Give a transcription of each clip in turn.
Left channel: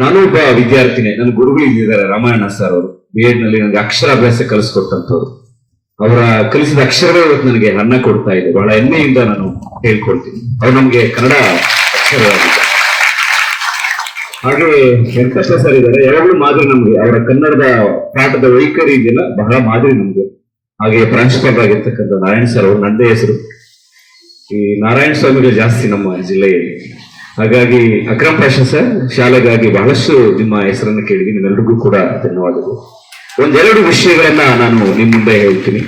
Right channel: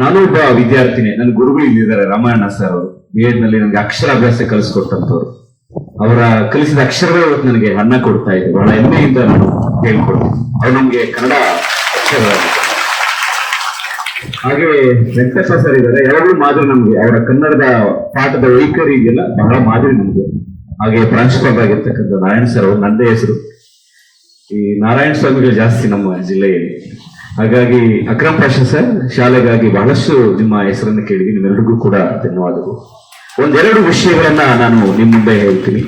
ನಾನು ಒಬ್ಬ ವಿದ್ಯಾರ್ಥಿನಿ, ನನ್ನ ಗುರುಗಳು ಇದ್ದಿದ್ದಾರೆ ರಾಮಾಯಣ ಸರ್ ಅವರು. ಬಿ ಎಡ್ನಲ್ಲಿ ನನಗೆ ಅಕ್ಷರಾಭ್ಯಾಸ ಕಲಿಸ್ಕೊಟ್ಟಂತವ್ರು ಅವರ ಕಲಿಸಿದ ಅಕ್ಷರಗಳು ಇವತ್ತು ನನಗೆ ಅನ್ನ ಕೊಡ್ತಾ ಇದೆ. ಬಹಳ ಹೆಮ್ಮೆಯಿಂದ ನಾನು ಹೇಳ್ಕೊಡ್ತೀನಿ ಅವ್ರು ನಮ್ಗೆ ಕನ್ನಡ ಅಕ್ಷರವಾಗಿದ್ದಾರೆ ಹಾಗೆ ವೆಂಕಟೇಶ ಸರ್ ಇದ್ದಾರೆ. ಯಾವಾಗಲೂ ಮಾದರಿ ನಮ್ಗೆ. ಅವರ ಕನ್ನಡದ ಪಾಠದ ವೈಖರಿ ಇದೆಯಲ್ಲ, ಬಹಳ ಮಾದರಿ ನಮ್ಗೆ. ಹಾಗೆ ಪ್ರಾಂಶುಪಾಲರಾಗಿರ್ತಕ್ಕಂಥ ನಾರಾಯಣ ಸರ್ ಅವರು ನಂದೇ ಹೆಸರು. ಈ ನಾರಾಯಣ ಸ್ವಾಮಿಗಳು ಜಾಸ್ತಿ ನಮ್ಮ ಜಿಲ್ಲೆಯಲ್ಲಿ. ಹಾಗಾಗಿ ಅಕ್ರಮ್ ಪಾಷಾ ಸರ್, ಶಾಲೆಗಾಗಿ ಬಹಳಷ್ಟು ನಿಮ್ಮ ಹೆಸರನ್ನು ಕೇಳಿದ್ದೀನಿ. ನಿಮ್ಮೆಲ್ಲರಿಗೂ ಕೂಡ ಧನ್ಯವಾದಗಳು. ಒಂದೆರಡು ವಿಷಯಗಳನ್ನ ನಾನು ನಿಮ್ಮ ಮುಂದೆ ಹೇಳ್ತೀನಿ.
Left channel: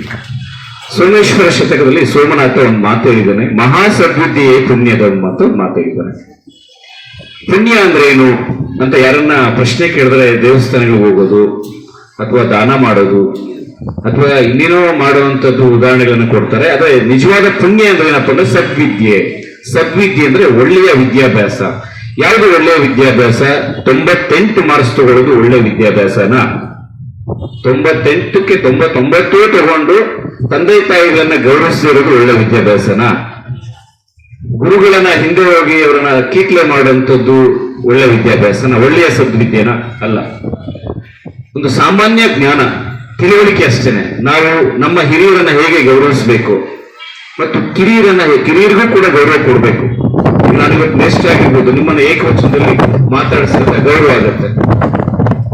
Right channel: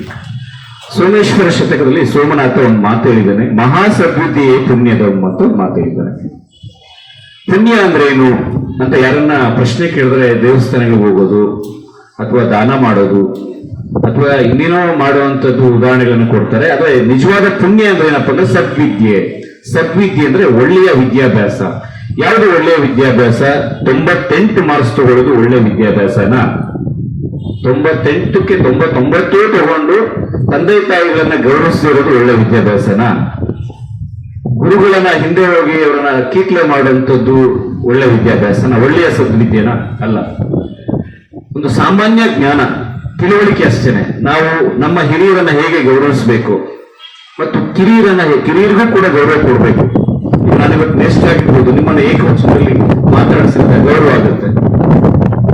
ಸೋಮೇಶ್ವರ ಶತಕದಲ್ಲಿ ಸೋಮನಾಥ ಒಂದು ಮಾತು ಹೇಳಿದ್ದಾನೆ. ಮಹಾ ಸದ್ಬುದ್ಧಿಯೇ ಪುಣ್ಯದ ಒಂದು ಮಾತು ಹೇಳಿದ್ದಾನೆ. ಪುಣ್ಯ ಅಂದ್ರೆ ಏನು ಅಂತ ಯಾರನ್ನ ಪ್ರಶ್ನೆ ಕೇಳಿದ್ರೆ ದೇವಸ್ಥಾನಗಳಿಗೆ ಹೋಗೋದು, ಅಥವಾ ದಾನ ಮಾಡೋದು, ಅಥವಾ ಇನ್ನೇನೋ ಮಾಡುವಂಥದ್ದು ಉದಾಹರಣೆಗಳನ್ನು ಕೊಡ್ತಾರೆ. ಅದೇ ನಿಜವಾದ ಪುಣ್ಯ ಅಂದ್ರೆ ಏನಪ್ಪ ಅಂದ್ರೆ ಸದ್ವಿದ್ಯೆ. ಸದ್ವಿದ್ಯೆ ಅಂದ್ರೆ ಒಳ್ಳೆಯ ವಿದ್ಯಾಭ್ಯಾಸ. ಯಾವುದು ಒಳ್ಳೆಯ ವಿದ್ಯಾಭ್ಯಾಸ? ತೊಂಬತ್ತೆಂಟು ಮಾರ್ಕ್ಸ್ ತಗೊಳ್ಳೋದು ಒಳ್ಳೆ ವಿದ್ಯಾಭ್ಯಾಸನ? ತೊಂಬತ್ತೆಂಟಕ್ಕೆ ತೊಂಬತ್ತೊಂಬತ್ತು ತಗೊಂಡು ತಂದೆ ತಾಯಿಗಳನ್ನ ಗೌರವಿಸಿರೋದು ಒಳ್ಳೆ ವಿದ್ಯಾಭ್ಯಾಸನ? ಗುರುಗಳನ್ನ ಹಿಂದೆ ಹೋಗಿ ಅವರನ್ನ ಕೀಟ್ಲೆ ಮಾಡುವಂಥದ್ದು ಒಳ್ಳೆ ವಿದ್ಯಾಭ್ಯಾಸನ? ಒಳ್ಳೆಯ ಸದ್ವಿದ್ಯೆನ? ಅಲ್ಲ. ಒಂದು ಸಾಮಾನ್ಯ ಜ್ಞಾನ, ತಿಳುವಳಿಕೆ ಅಷ್ಟೇನೆ. ನಾವು ನಮ್ಮ ಹಿರಿಯರನ್ನ ಹೇಗೆ ಗೌರವಿಸಬೇಕು? ಮತ್ತು ಕಿರಿಯರನ್ನ ಕಿರಿಯರಿಗೂ ಕೂಡ ಗೌರವ ಕೊಡಬೇಕು. ನಾನು ಇವತ್ತು ನೆಸ್ಟ್ ಆಗಿರ್ಬೋದು, ನಿಮ್ಮನ್ನ ಏಕವಚನದಲ್ಲಿ ಮಾತಾಡಿಸಿದ್ರೆ ಗೌರವ ಆಗುತ್ತೆ.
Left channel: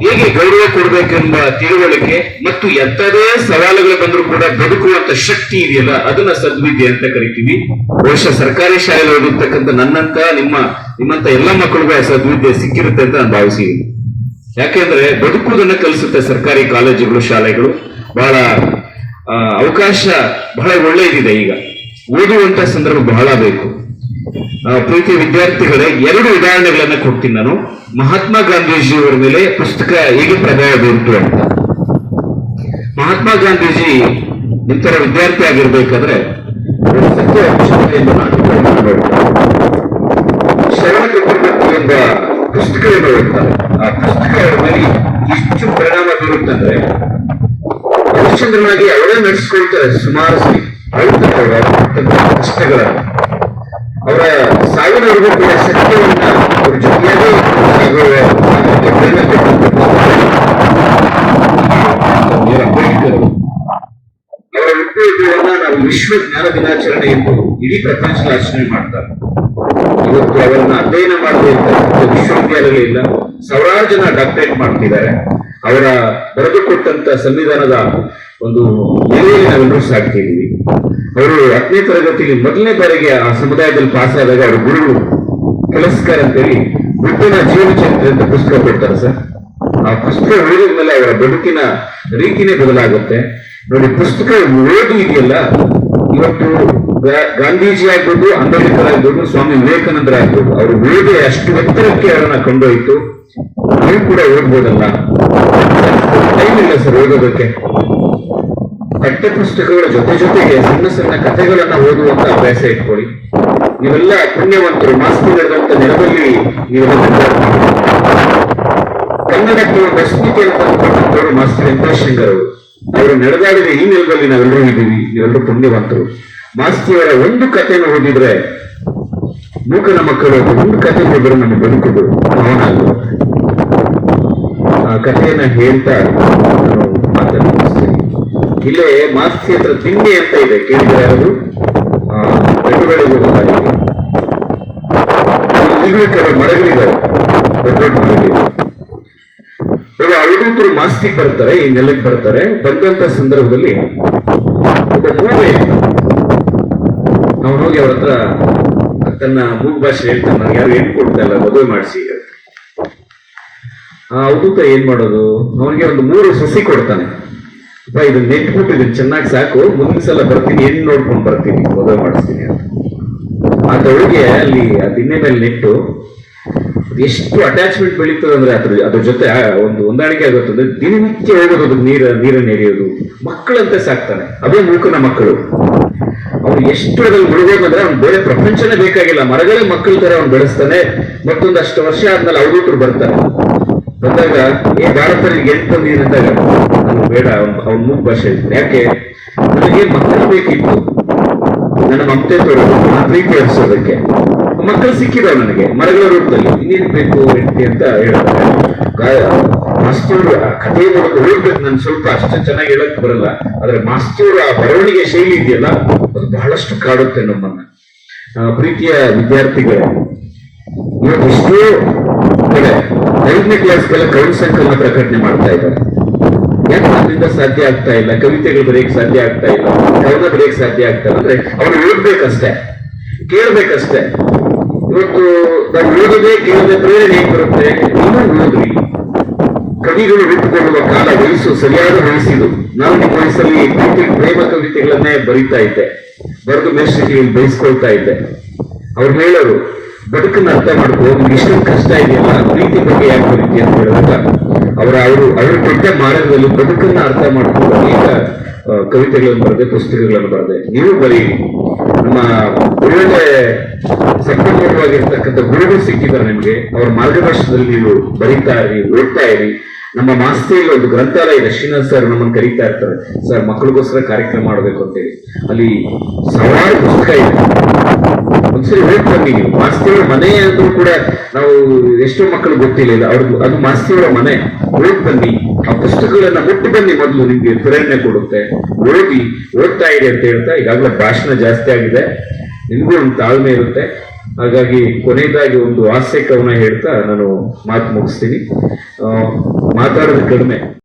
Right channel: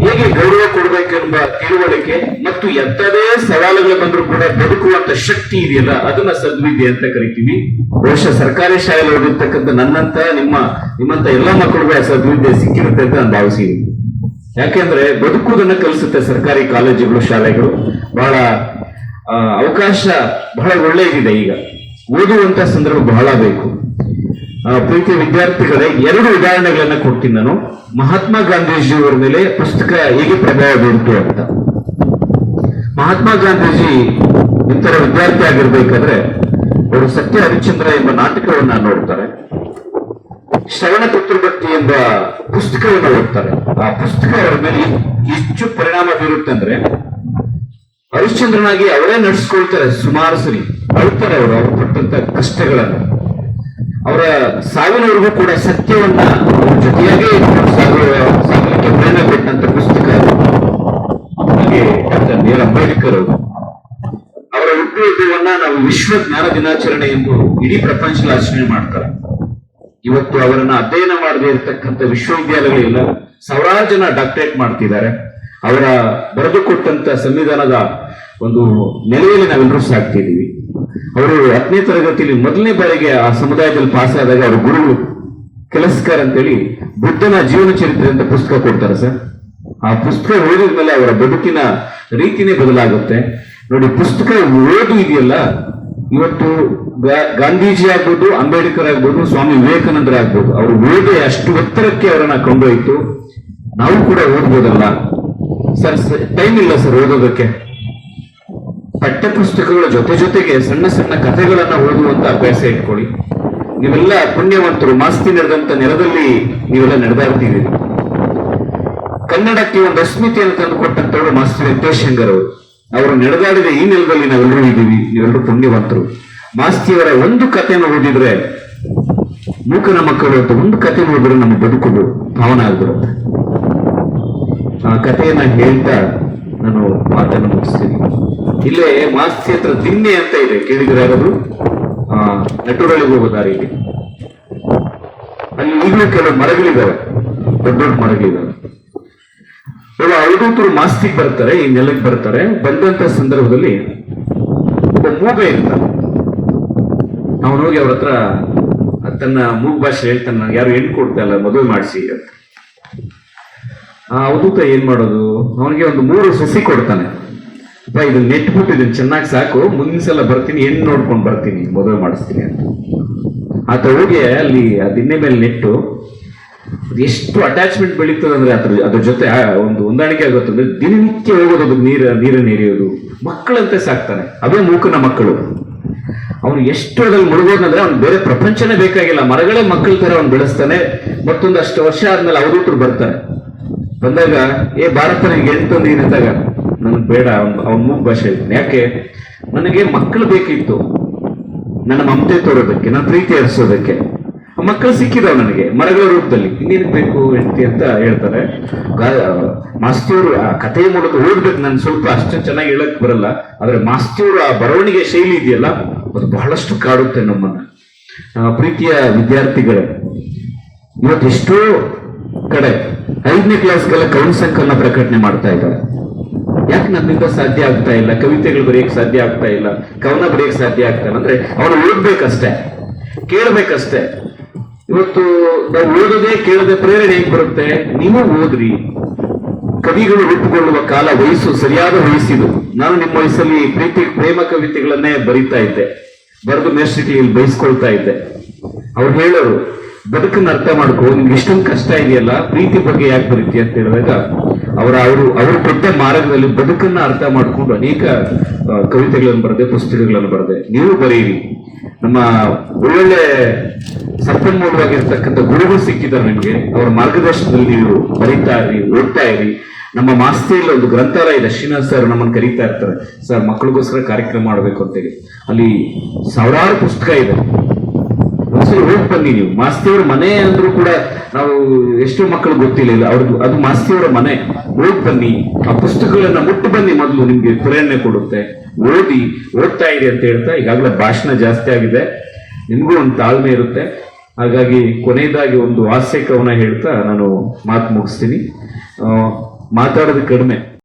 ಹೇಗೆ ಗೌರವ ಕೊಡಬೇಕೆಂಬ ತಿಳುವಳಿಕೆ ಮತ್ತು ಎಂತದೇ ಸವಾಲುಗಳು ಬಂದರೂ ಕೂಡ ಬದುಕುವಂತ ಶಕ್ತಿ ಇದೆಯಲ್ಲ, ಅದನ್ನ ಸದ್ವಿದ್ಯೆ ಅಂತ ಕರಿತೀವಿ. ಬಹುಶಃ ಸರ್ಕಾರಿ ಶಾಲೆಯಲ್ಲಿ ಓದಿರ್ತಕ್ಕಂಥ ನನ್ನಂತ ನಿಮ್ಮ ನಿಮ್ಮಂತ ಎಲ್ಲ ಮಕ್ಕಳಿಗೂ ಆ ಸದ್ವಿದ್ಯೆ ಸಿಕ್ಕಿರುತ್ತೆ ಅಂತ ನಾನು ಭಾವಿಸಿದ್ದೀನಿ. ಯಾಕೆಂದ್ರೆ ಬದುಕುವುದನ್ನ ಕಲಿಸುತ್ತೆ ಸರ್ಕಾರಿ ಕಾಲೇಜುಗಳು, ಶಾಲೆಗಳು. ಬಹಳ ಅವಕಾಶ ಬಹಳ ಒಳ್ಳೆಯದಿದೆ ಈಗ. ಓದುವಂತ ಸಂದರ್ಭ ಬಹಳ ಬೇಕು. ಆ, ಪ್ರೀತಿಯ ವಿದ್ಯಾರ್ಥಿಗಳೇ ಎರಡು ಉದಾಹರಣೆಗಳನ್ನ ಕೊಡ್ತೀನಿ ನಾನು. ಮಹಾತ್ಮ ಗಾಂಧೀಜಿ ಅವರ ಮೇಲೆ ಪುಸ್ತಕ ಹೇಗೆ ಪ್ರಭಾವ ಬೀರಿತು ಅಂತ. ಮಹಾತ್ಮ ಗಾಂಧೀಜಿ ಇಂತರ ವಿದ್ಯಾರ್ಥಿ ಆಗಿರ್ಬೇಕಾದ್ರೆ ಅವರು ಸತ್ಯ ಅಂಶಗಳ ಎಂಬ ನಾಟಕವನ್ನು ನೋಡ್ತಾರೆ. ಶ್ರವಣ ಚಕ್ರವರ್ತಿ ಎಂಬ ಪುಸ್ತಕವನ್ನು ಆ ಪುಸ್ತಕ ಮೇಲೆ ಎಷ್ಟು ಪರಿಣಾಮ ಬೀರುತ್ತಂದ್ರೆ ಹರಿಶ್ಚಂದ್ರನಾಗಿ ಅವರೇ ನಡೆಸ್ಕೊಳ್ತಾರೆ, ಸುಮಾರು ಸರಿ. ಅಳ್ತಾರೆ ಅವರು ಪಟ್ಟಂತ ಅವರ ಸಾವಿನವರೆಗೂ ಕೂಡ ಸತ್ಯವನ್ನ ಅವ್ರ ಜೊತೆಯಾಗೇ ಅಂಬೇಡ್ಕರ್ ಅವರು. ಅವರ ಉದ್ಯೋಗವನ್ನ ನಾವು ವಿಶ್ವ ಜ್ಞಾನ ದಿನಾಚರಣೆ ಎಂದು ಇಡೀ ಪ್ರಪಂಚದಲ್ಲಿ ಆಚರಣೆ ಮಾಡ್ತಾರೆ. ಇವತ್ತು ಅವರನ್ನ ಅಧ್ಯಯನ ಮಾಡದೇ ಇರ್ತಕ್ಕಂಥ ವಿಶ್ವವಿದ್ಯಾಲಯ ಇಲ್ಲ ಸಾವಿರಾರು ಜನ ಡಾಕ್ಟರೇಟ್ ಮಾಡ್ತಿದ್ದಾರೆ. ಅವರ ಬರೆದು ಕೊಟ್ಟಂತ ಸಂವಿಧಾನದ ಒಂದು ನೆಲೆಯಲ್ಲಿ ನಾವೆಲ್ಲರೂ ಸಾಕ್ತಿದ್ದೀವಿ. ಅವರು ಹತ್ತನೇ ತರಗತಿಯಲ್ಲಿ ಮೊದಲನೇ ಬಾರಿಗೆ ಆ ಸಮುದಾಯದಲ್ಲಿ ಪಾಸ್ ಆದಾಗ ಅವರ ಗುರುಗಳು ಕೆಲಸಕಾರ ಅಂತೇಳಿ ಬುದ್ಧನ ಜೀವನ ಚರಿತ್ರೆ ಅಂತ ಪುಸ್ತಕ ಕೊಡ್ತಾರೆ ಸರ್. ಆ ಪುಸ್ತಕ ಓದಿದ ಮೇಲೆ ಅವರ ಬದುಕಿನ ರೀತಿನೇ ಬದಲಾಗುತ್ತೆ. ನೋಡಿ, ಪುಸ್ತಕ ಓದು ಇದೆಯಲ್ಲ, ಇವತ್ತು ಗಾಂಧೀಜಿ ಆಗ್ಬೋದು, ಅಂಬೇಡ್ಕರ್ ಆಗ್ಬೋದು, ಸ್ವಾಮಿ ವಿವೇಕಾನಂದರ ಆಗ್ಬೋದು, ಅವರು ಓದಿ ಅಷ್ಟು ಎತ್ತರಕ್ಕೆ ಅವರನ್ನ ಕೊಂಡೊಯ್ತು. ನಾವು ಕೂಡ ಓದ್ಬೋದಲ್ಲ? ಟೈಮ್ ಇಲ್ಲ ಸರ್ ಓದೋದಕ್ಕೆ. ಪಠ್ಯಪುಸ್ತಕಗಳ ಜೊತೆ ಜೊತೆಗೆ ಸಣ್ಣ ಸಣ್ಣ ಕಥೆಗಳನ್ನ ಓದುವಂತ ಅಭ್ಯಾಸ ಇಟ್ಕೊಳ್ಳಿ. ನೀವೆಲ್ಲ ಪುಣ್ಯವಂತರು, ಮಾಸ್ತಿ ನಡೆದಂತ ನೆಲದಲ್ಲಿ ನೀವೆಲ್ಲ ನಡೆದಾಡ್ತೀವಿ ಕನ್ನಡಕ್ಕೆ ಒಂದು ಅಸ್ಮಿತೆಯನ್ನು ತಂದುಕೊಟ್ಟಂತವರು ಮಾಸ್ತಿ ವೆಂಕಟೇಶಂಗರ್ ಅವರು. ಅವರು ನಡೆದಾಡಿದ ಈ ನೆಲದಲ್ಲಿ ನಾವೆಲ್ಲರೂ ಇದ್ದೀವಿ. ನೀವೆಲ್ಲರೂ ಪುಣ್ಯವಂತರು. ಮಾಸ್ತಿಯವರ ಒಂದು ಕಥೆಯನ್ನು ಓದಿದ್ರೆ ಮೂಕನ ಮಕ್ಕಳು, ಒಂದು ಕಥೆ ಓದಿದ್ರೆ ನಮ್ಮ ಬದುಕುದು ಭಾವನ ಕಥೆಯನ್ನ ಹೇಳ್ತಾ ನಾನು ಮಾತನ್ನು ಮುಗಿಸ್ತೀನಿ. ಇಲ್ಲೇ ಮಾಸ್ತಿ ಹತ್ರ ದಿನ್ನೆ ಅಂತ ಇದೆ ಕೇಳಿದ್ರೆ ಯಾರಾದ್ರು? ಆ ಬೆಟ್ಟಗಳಿಗೆ ಇಲ್ಲಿ ಕೆಲವು ಮರಗಳಿದಾವೆ ದೊಡ್ಡ ದೊಡ್ಡ ಮರಗಳಿವೆ ಇವಾಗ ಅವಧೂತರು ಮಾಸ್ತಿಗೆ ಬರ್ತಾರೆ, ಈ ನೆಲಕ್ಕೆ ಬರ್ತಾರೆ. ಬಂದಂತ ಸಂದರ್ಭದಲ್ಲಿ ಒಬ್ಬ ಅವನು ಹೋಗಿ ಅವ್ರ ಹತ್ರ ತನ್ನ ಮೂಗ್ ಭಾಷೆ ಹೇಳ್ತಾನೆ ಯಾರು ಹೆಣ್ಣು ಕೊಡ್ತಾ ಇಲ್ಲ, ಮದುವೆ ಮಾಡಿಸಿ ಆ ಅವಧೂತ ಏನ್ ಮಾಡೋದು? ಅವನಿಗೆ ಒಂದು ಮೂರು ಸಸಿ ಕೊಡ್ತಾನೆ. ಅಪ್ಪ ಇದನ್ನ ನೆಟ್ಬಿಟ್ಟು ಇದನ್ನ ಚೆನ್ನಾಗಿ ಸಾಕು. ಮುಂದಿನ ಸಲ ಬರ್ತೀನಿ ಏನ್ ನೋಡ್ಕೊಂಡು ಬರ್ತೀನಿ, ಮದುವೆ ಮಾಡಿಸ್ತೀನಿ ಅಂತ. ಆ ಹೋಗಿ ಅಲ್ಲಿ, ಆ ದಿನ್ನೆ ಮೇಲೆ ನೆಟ್ಟು, ಎಷ್ಟು ಅಟ್ಯಾಚ್ಮೆಂಟ್ ಬೆಳೀತದೆ ಅಂದ್ರೆ ಅದ್ರ ಅದ್ರ ಜೊತೆ ಒಂದು ಹೊಂದಾಣಿಕೆ ಅಂದ್ರೆ ದಿನನಿತ್ಯ ಹೋಗೋದು ಅದ್ರ ನೀರ, ನೀರನ್ನು ಎರೆಯೋದು. ಮಕ್ಕಳಂತೆ ಸಾಕ್ತಾನೆ. ಅದೇ ಮೂಕನ ಮಕ್ಕಳು. ಅವ್ನು ಎಷ್ಟು ಅದ್ರಲ್ಲಿ ಮುಳುಗೋದಂದ್ರೆ ಅವ್ನು ಬೇರೆ ಪ್ರಪಂಚನೇ ಬೇಕಾಗಿಲ್ಲ. ಮರಗಳೇ ಮಕ್ಕಳ ತರ ಅವ್ನು ಬೆಳೆಸ್ತಾನೆ. ಮತ್ತೊಂದಷ್ಟು ವರ್ಷ ಆದ್ಮೇಲೆ ಅವಧೂತರು ಬರ್ತಾರೆ. ಬಂದಾಗ, ಏ ಭಾರತ ಗೆಲ್ತು ಅಂದಾಗ, ನನ್ಗೆ ಬೇಡ, ಅವ್ನ ಮೂಗ್ ಭಾಷೆ ಯಾಕೆ? ನನಗೆ ಮಕ್ಕಳು ಬೇಕಿತ್ತು. ನನ್ನ ಮಮತೆ ತೋರೋದಕ್ಕೆ ನನ್ನ ಪ್ರೀತಿ ಹರಿಸೋದಕ್ಕೆ ಮಕ್ಕಳು ಸಿಕ್ಕಿದಾವ್ ನನಗೆ, ಮರಗಳ ರೂಪದಲ್ಲಿ. ಇನ್ನೇನು ಬೇಕು ಹೆಂಡತಿ ಅಂತ ಹೇಳ್ತಾರೆ. ಮಾಸ್ತೂರು ಆ ಕಥೆ ಮೂಲಕ ಓದ್ಬೇಕು ನಾನು ಸ್ವಲ್ಪ ಅಷ್ಟು ಚೆನ್ನಾಗಿ ಹೇಳಕ್ ಬರಲ್ಲ. ಆದ್ರೆ ಮಾಸ್ತೂರು ಆ ಬರವಣಿಗೆ ಶೈಲಿ ಇದೆಯಲ್ಲ? ಅದು ಬಹಳಷ್ಟು ಕಾಡುತ್ತೆ ನಮ್ಮನ್ನ. ಪ್ರೀತಿಯ ವಿದ್ಯಾರ್ಥಿಗಳು, ಇವತ್ತು ಎಷ್ಟೋ ಕಡೆ ಐದನೇ ಕ್ಲಾಸ್ಗೆಲ್ಲ ಕವಿ ಸಂಕಲನ ಪ್ರಕಟಣೆ ಮಾಡ್ತಾ ಇದ್ದಾರೆ. ಯಾಕೆ ನನ್ನಿಂದ ಸಾಧ್ಯ ಆಗ್ತಾ ಇಲ್ಲ? ಕವಿತೆಗಳು ಬರೆಯಕ್ಕೆ ಸಾಧ್ಯ ಆಗ್ತಾ ಇಲ್ಲ? ಕವನ ಬರೆಯಕ್ಕೆ ಸಾಧ್ಯ ಆಗ್ತಾ ಇಲ್ಲ? ಅಂದ್ರೆ ಅವ್ರು ಓದ್ಬೇಕಷ್ಟೇ. ಕೇಳ್ಬೇಕಷ್ಟೇ. ಇವತ್ತು ನಾವು ಓದದೆ ಕೇಳದೆ ಪ್ರೇರಣೆ ಹೇಗೆ ಬರುತ್ತೆ? ನೀನು ಓದ್ರಿ. ಕವಿಗಳು ಹುಟ್ಟುಕೊಳ್ಳುವ ಕಾಲ ವಯಸ್ಸು ಸರಿಯಾದ ವಯಸ್ಸಿದು. ನಾನು ನಿಮ್ಮ ವಯಸ್ಸಲ್ಲಿ ಪ್ರೀತಿ, ಪ್ರೇಮ ಕವಿತೆಗಳನ್ನೇ ಬರೀತಾ ಇದ್ದೆ. ಬರೆದು ಮೇಲ್ಸ್ಥಿತಿಯಲ್ಲಿ ಬಯಸ್ಕೊಳ್ತಾ ಇದ್ದೆ. ಅವ್ರು ಹೇಳೋರು ಬದುಕನ್ನ ಅರ್ಥ ಮಾಡ್ಕೋ, ನಿಮ್ಗೆ ಇಷ್ಟೊಂದು ಕಷ್ಟ ಇದೆಯಲ್ಲ, ಪ್ರೀತಿ ಬಗ್ಗೆ ಯಾಕೆ ಬರೀತಿ ಅಂತ ಹೇಳಿದಾಗ, ಅವರ ಅವರು ಅವರು ಕೊಟ್ಟ ಮಾರ್ಗದಲ್ಲಿ ಬದುಕನ್ನ ಅರ್ಥ ಮಾಡ್ಕೊಂಡು ಅನೇಕ ಕವಿತೆಗಳನ್ನು ಬರೆದೆ, ಪುಸ್ತಕಗಳನ್ನು ಬರೆದೆ. ನೀವು ಬರೀರಿ ನಮ್ಮ ಒಳ್ಳೊಳ್ಳೆ ಸಂಪನ್ಮೂಲವಾಗಿರ್ತಕ್ಕಂಥ ಗುರುಗಳು ಸಿಕ್ಕಿದ್ದಾರೆ ನಿಮಗೆ. ಅವರ ಮಾರ್ಗದರ್ಶನದಲ್ಲಿ ನೀವು ಬರೀತಾ ಇರಿ, ಓದ್ತಾ ಇರಿ. ನಮ್ಮ ಮಾಸ್ತಿಯಲ್ಲಿ ಒಂದು ಗ್ರಂಥಾಲಯ ಇದೆ, ಶ್ರೀನಾಥ್ ಸರ್ ನಮ್ಮನ್ನು ಕರೀತಾ ಇರ್ತಾರೆ. ಸರ್, ಮಕ್ಕಳಿಗೋಸ್ಕರ ಕಾರ್ಯಕ್ರಮ ಮಾಡಬೇಕು ಅಂತೇಳಿ. ಅಲ್ಲಿ ಸಾವಿರಾರು ಪುಸ್ತಕ ಇದೆ. ಓದ್ ಬನ್ನಿ ನೀವು. ಮಾಸ್ತಿಯವರ ಮನೆ ಅಂದ್ರೂ ಕೂಡ ನಾವು ಎಷ್ಟೋ ಮಕ್ಕಳು ಗೊತ್ತಿಲ್ಲ ಅವ್ರದ್ದು ಅದು ಮಾಸ್ತಿಯವರ ಮನೆ. ಓದ್ ಬನ್ನಿ. ಆ ಪುಸ್ತಕಗಳನ್ನ ಮುಟ್ಟು ಬನ್ನಿ ಮೊದಲು ನಿಮ್ಗೆ ಪ್ರೇರಣೆ ಕೊಡುತ್ತೆ. ಓದಿ, ಓದ್ತಾ ಇರಿ ಅಂತ ಹೇಳ್ತಾ ಈಗಾಗಲೇ ಭಾಷಣ ಜಾಸ್ತಿ ಆಗಿದೆ. ನಿಮಗೂ ಒಂದು ತಾಳ್ಮೆ ಇರುತ್ತೆ. ಹಾಗಾಗಿ ಕೊನೆಯದಾಗಿ ಒಂದು ಹಾಸ್ಯ ಕವನ ಹೇಳ್ತಾ ನಾನು ಮಾತು ಮುಗಿಸ್ತೀನಿ. ಮಾತಾಡೋದು ಕಡಿಮೆ.